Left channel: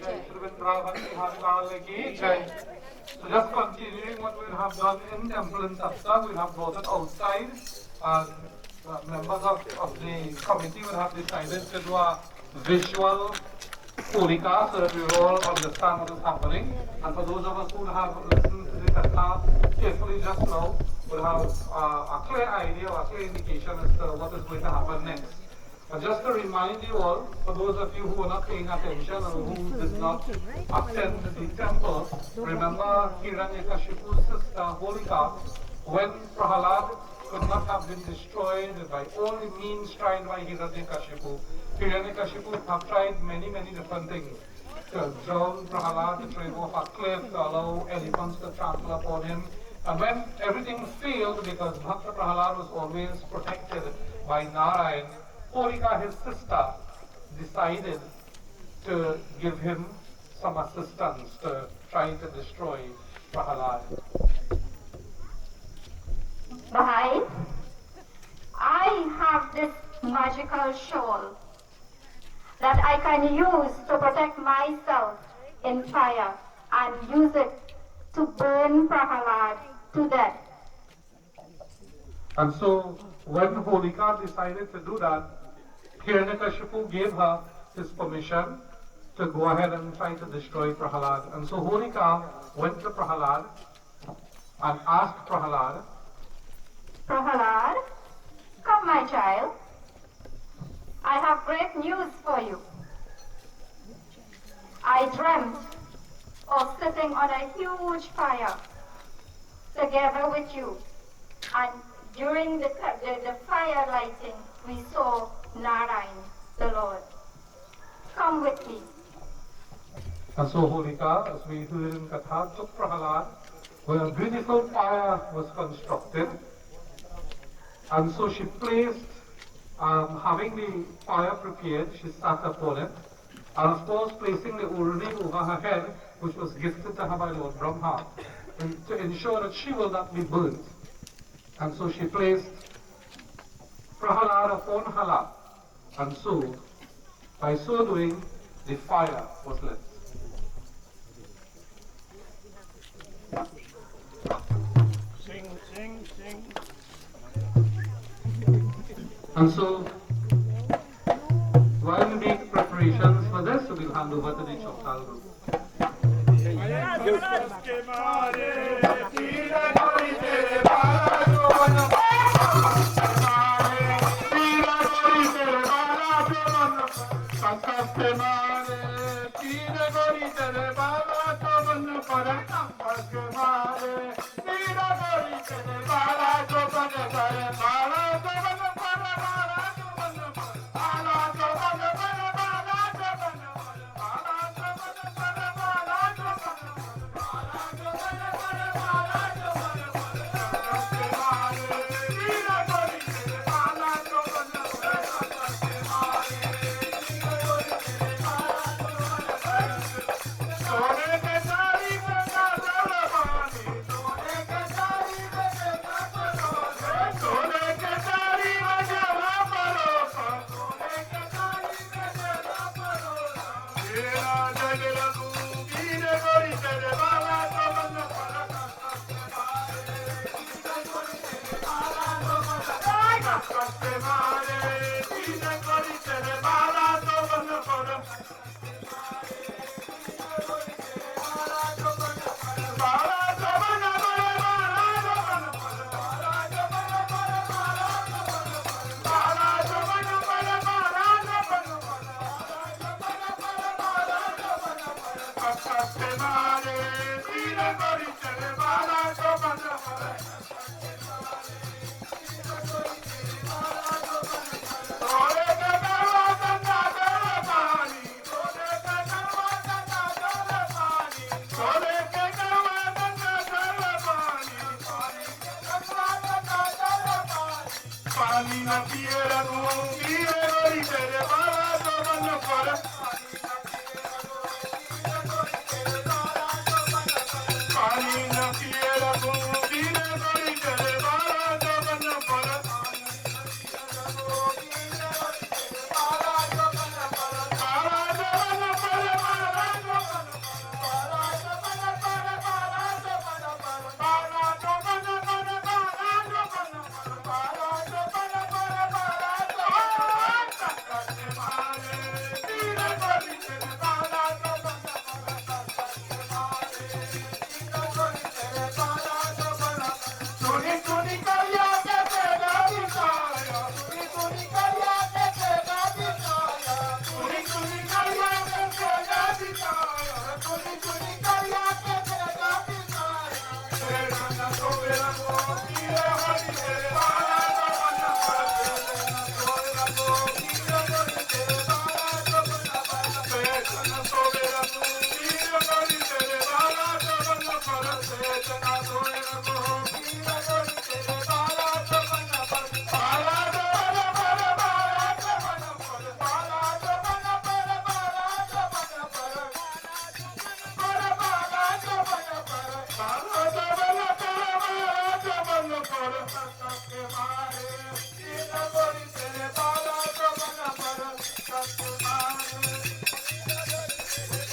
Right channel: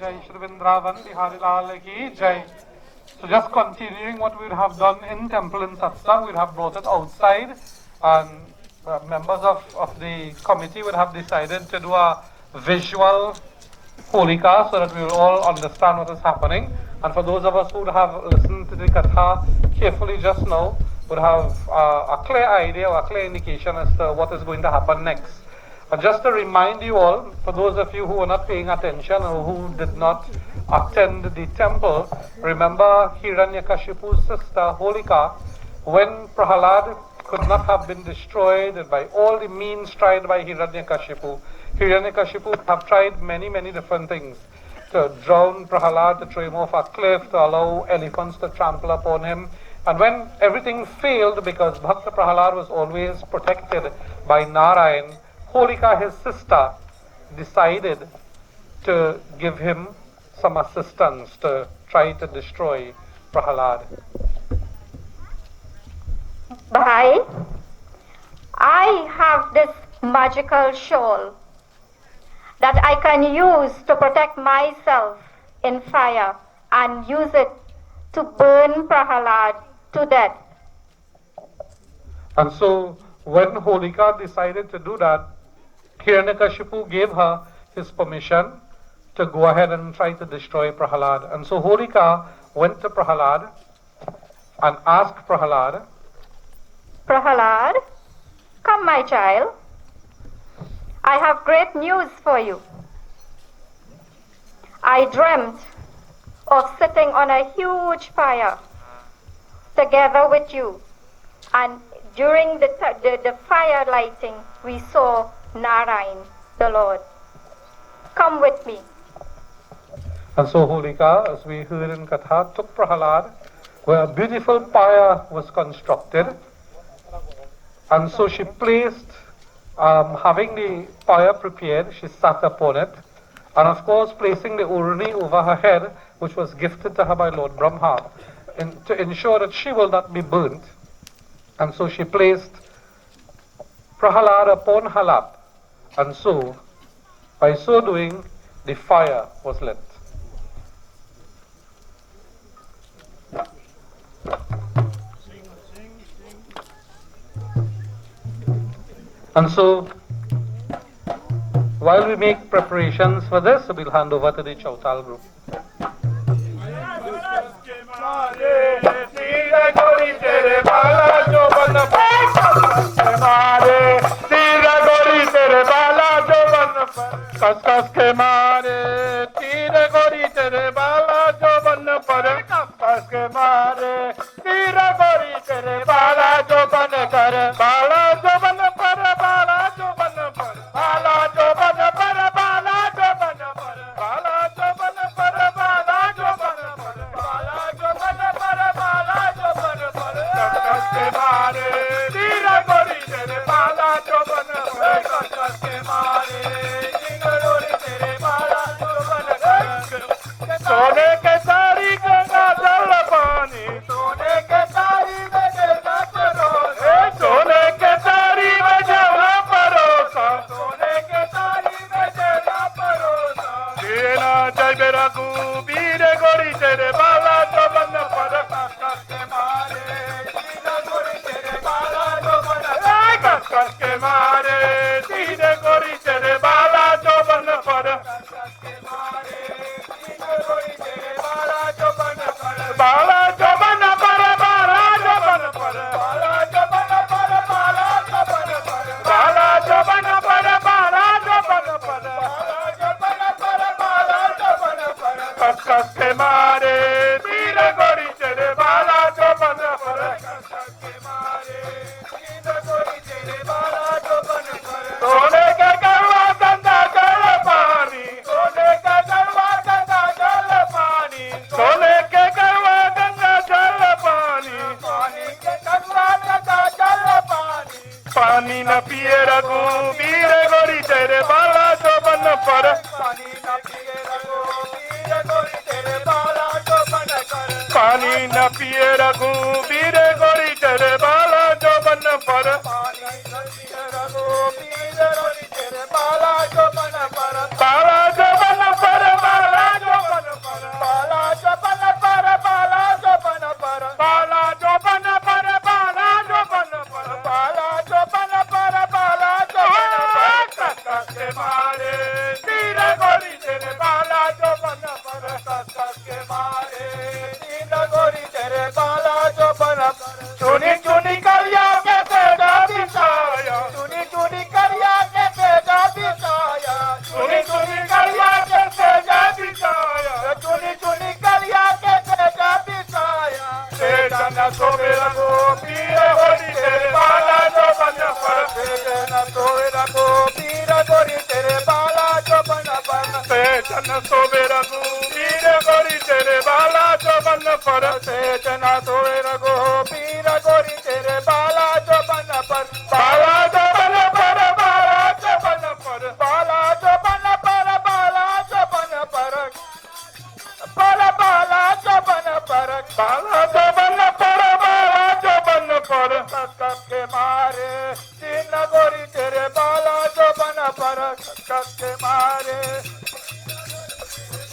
Jai Shri Vrindavan Bihari Lal ki Jai. So just continuing what we have done in temple in Satsang, we have brought it outside, and members of the committee would have decided to do a visual Holika so that we will all understand what is happening. And for those of us who have listened to the Katha carefully just now, would have a clear idea or a clear indication as to what is going to happen next. And just to remind you all, for those of you who are not paying attention or who did not attend the temple, remember Hiranyakashipu's sister Holika, when Prahalad could not have been destroyed by all the means tried by Hiranyakashipu. Hiranyakashipu have tried many different things. To drown Prahalad, to throw him off a cliff, to allow elephants to trample upon him. And when everything failed, because Bhakta Prahalad was always protected by Narayan, Holika, his sister, decided to give him some assistance to try to destroy Prahalad. Bhai, I have this magical shawl that I can use to protect myself in fire and use it to burn Prahalad to death. And so when Holika decided to do that, Hiranyakashipu gave her his permission to go ahead and try to destroy Prahalad. And so Holika went to Prahalad and asked Prahalad, Prahalad, come my child. I have great news for you. I dreamt of sitting on a huge fire together with you. And during the fire lighting, we saw Narayan, the Lord. Come with me. And so Holika, as we heard in Katha, took Prahalad, where a beautiful fire was constructed. And so she placed, having the fire prepared, she sat upon it. And of course, placing the urni over her head, which was gifted to her by Lord Brahma, to ensure that she will not be burnt. And so she placed Prahalad upon her lap. And so, by so doing, the fire was lit. And so, while we make preparations for this, we'll hand over to the Chautal group.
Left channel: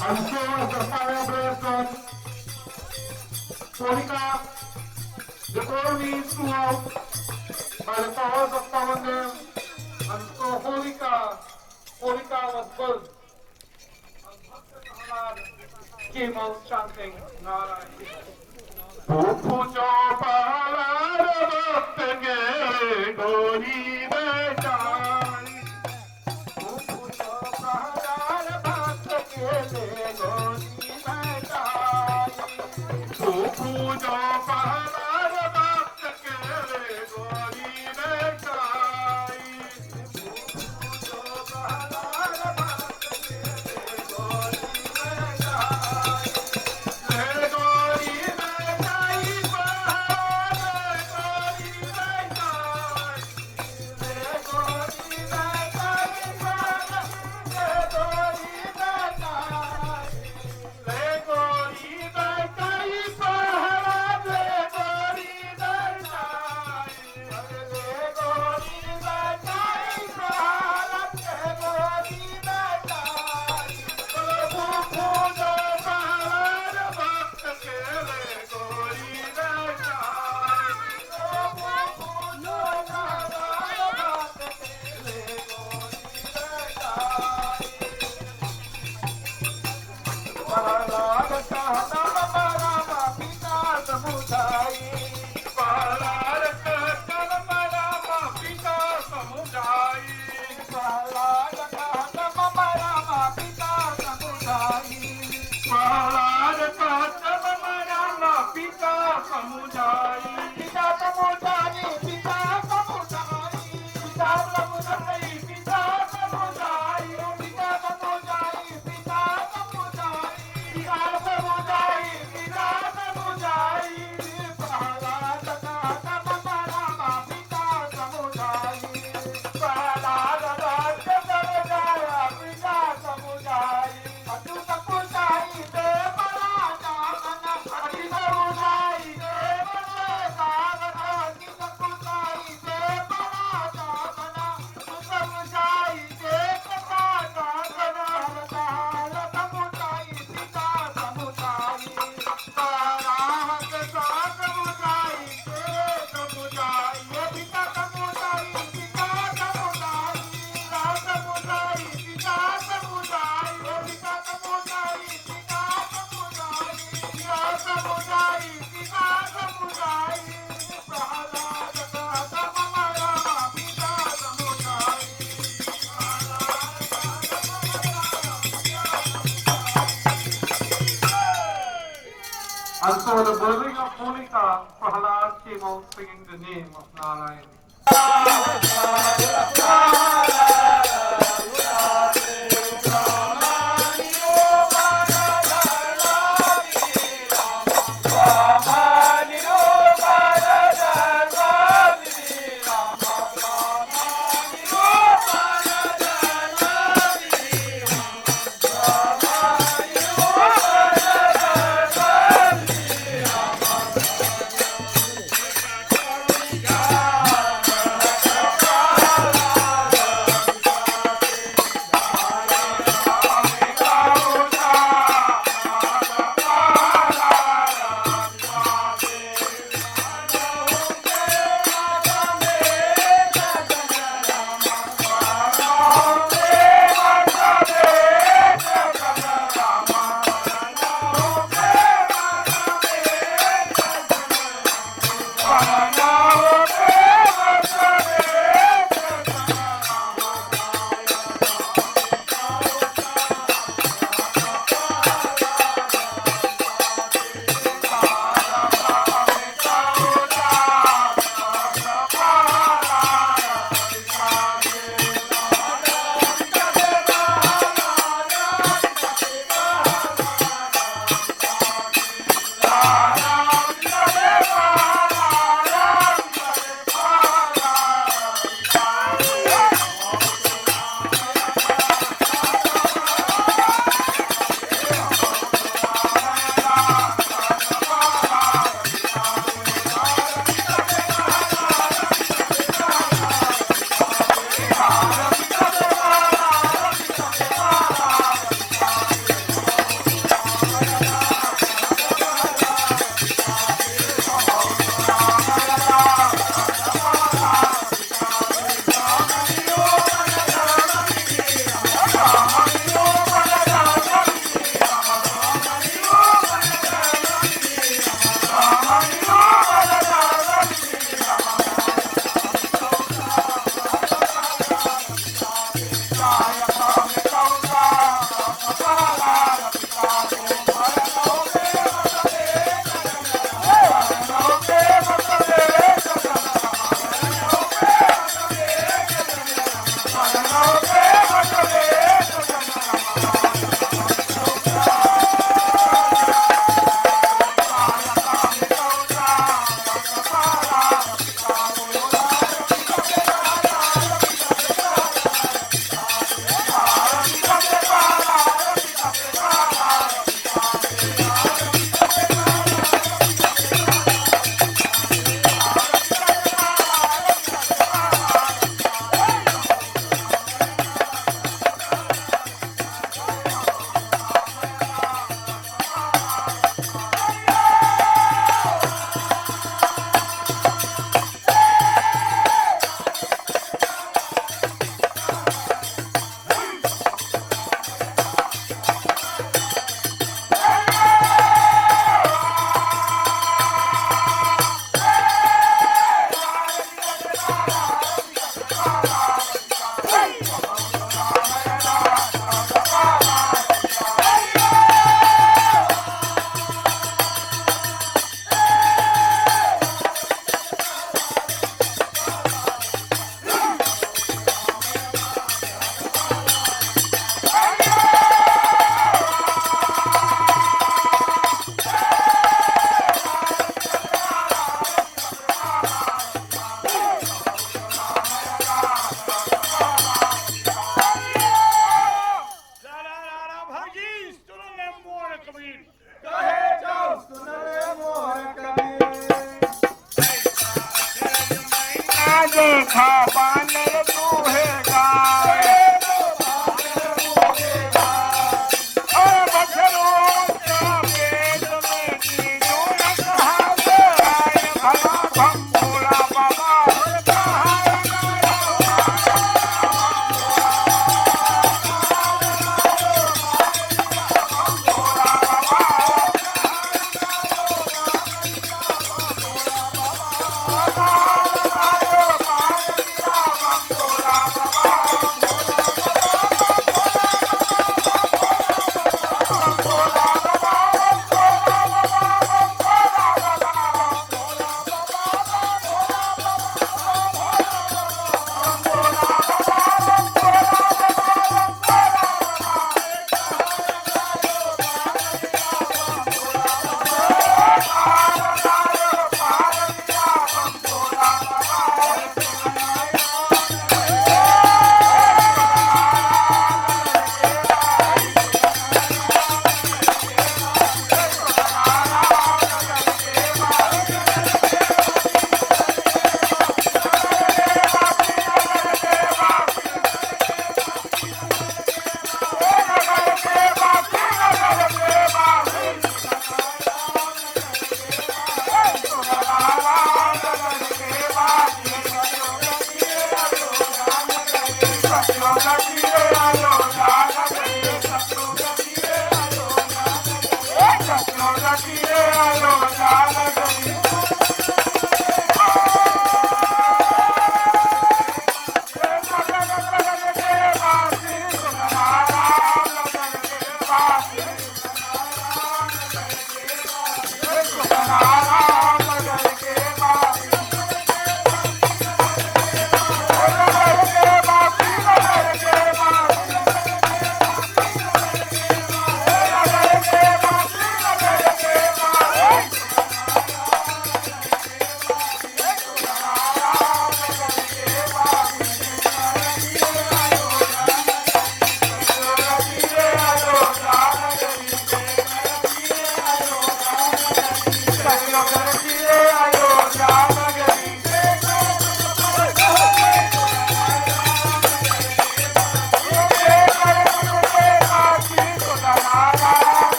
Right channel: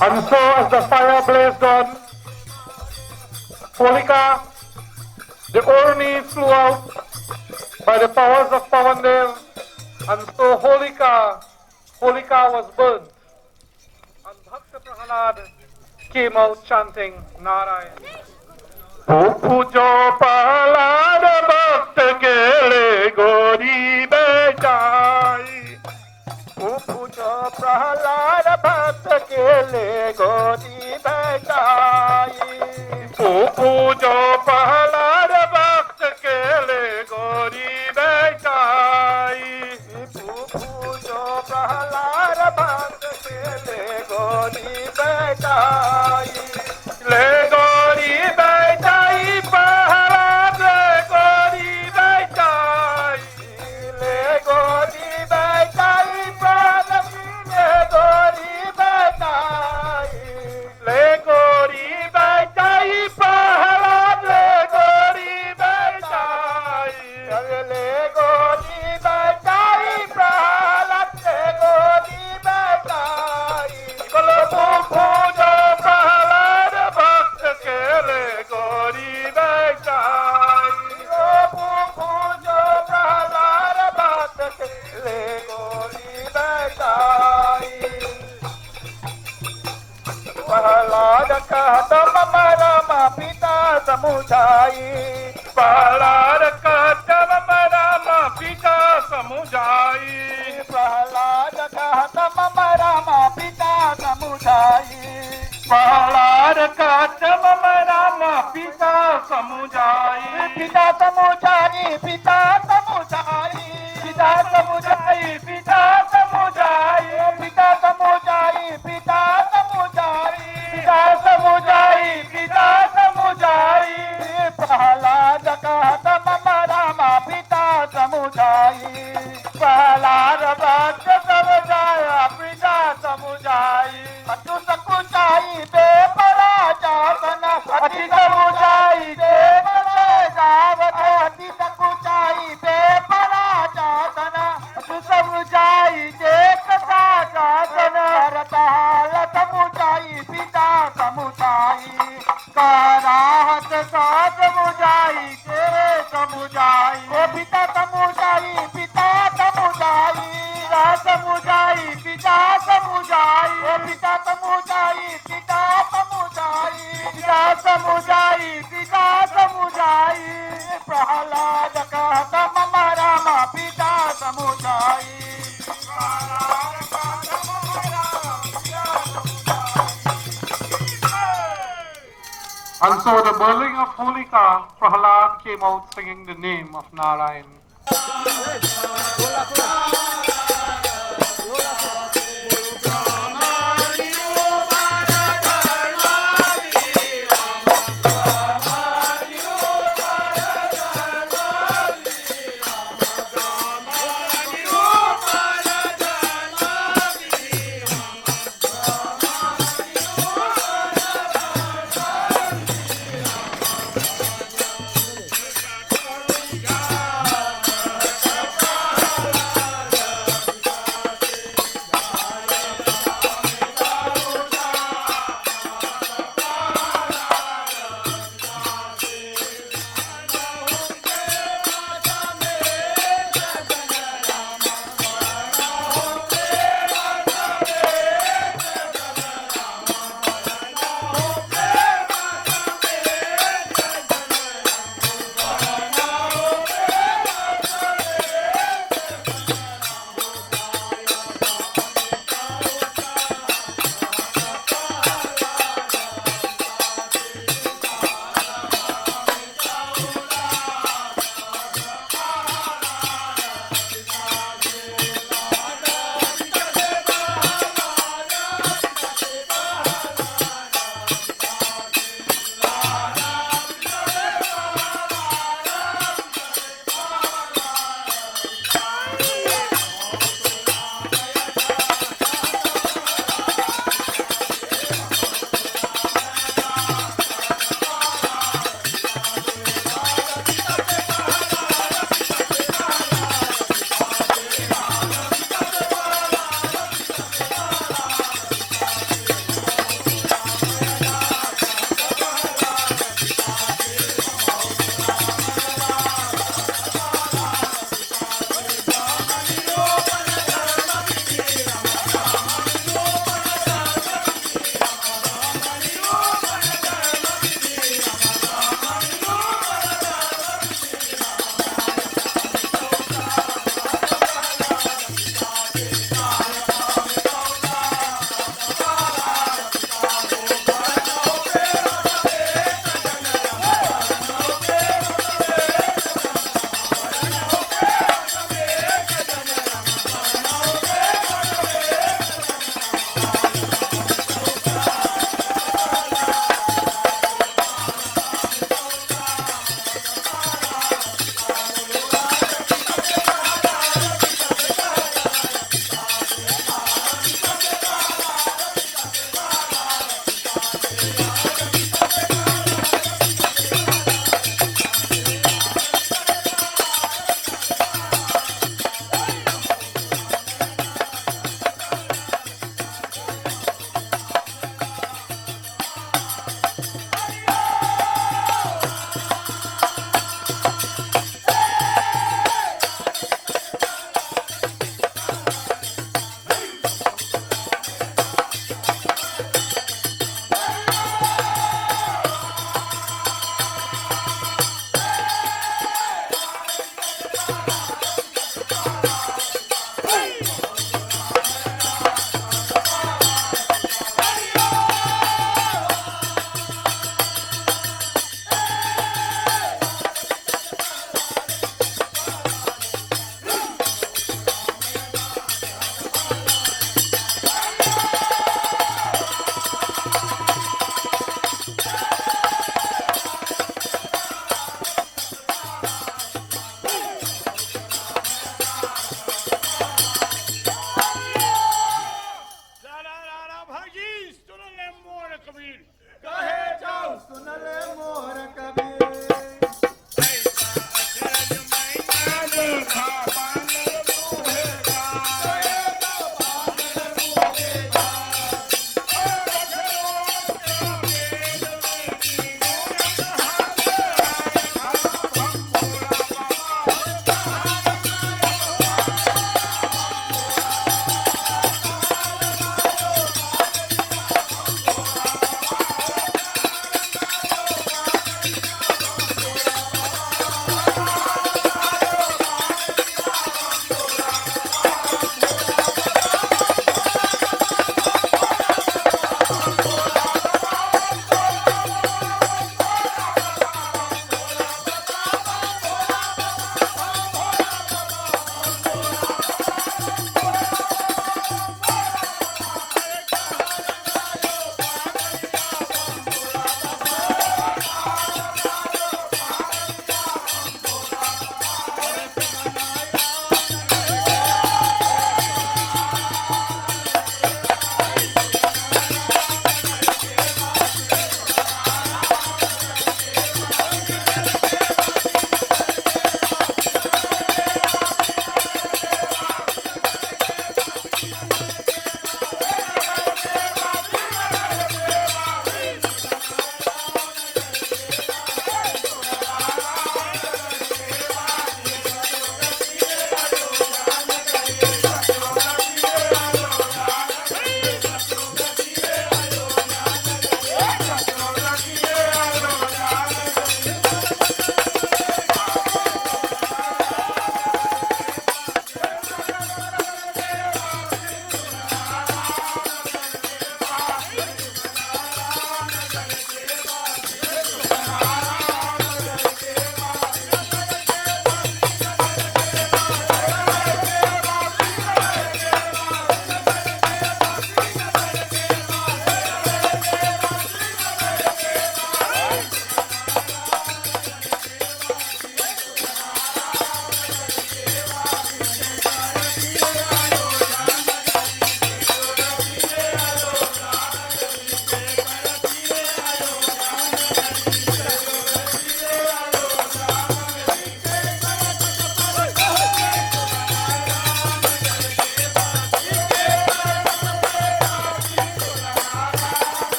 And so as the fire blazed on, Holika, the Orni flew out by the powers of Pavandev, and so Holika was burned. And Bhakta Prahalad came out chanting Narayan. Pujo Prahalad Bhakta Kele Gori Bechai. Pujo Prahalad Bhakta Kele Gori Bechai. Pujo Prahalad Bhakta Kele Gori Bechai. Pujo Prahalad Bhakta Kele Gori Bechai. Le Gori Bechai Prahalad Gori Bechai. Le Gori Bechai Prahalad Gori Bechai. Le Gori Bechai Prahalad Gori Bechai. Le Gori Bechai Prahalad Gori Bechai. Kolo Pujo Prahalad Bhakta Kele Gori Bechai. Pujo Prahalad Bhakta Kele Gori Bechai. Prahalad kahta mama rama pita samujai. Prahalad kahta mama rama pita samujai. Prahalad kahta mama rama pita samujai. Prahalad kahta mama rama pita samujai. Pita samujai, pita samujai. Pita samujai, pita samujai. Pita samujai, pita samujai. Pita samujai, pita samujai. Prahalad kahta mama rama pita samujai. Prahalad kahta samujai, pita samujai. Atu samujai te paraja sana. Ati samujai te paraja sana. Ati samujai te paraja sana. Atu samujai te paraja sana. Ratala samujai pita samujai. Karahat saat samujai te samujai. O pita samujai pita samujai. Ra samujai pita samujai. O pita samujai pita samujai. Pita samujai pita samujai. Prahalad kahta mama rama pita samujai. And so the burning of Holika, Prahalad came out singing the name of Narayan. कहे जाओ सुन रे मोर कबीर। देखा बानर दूहेगा Aquí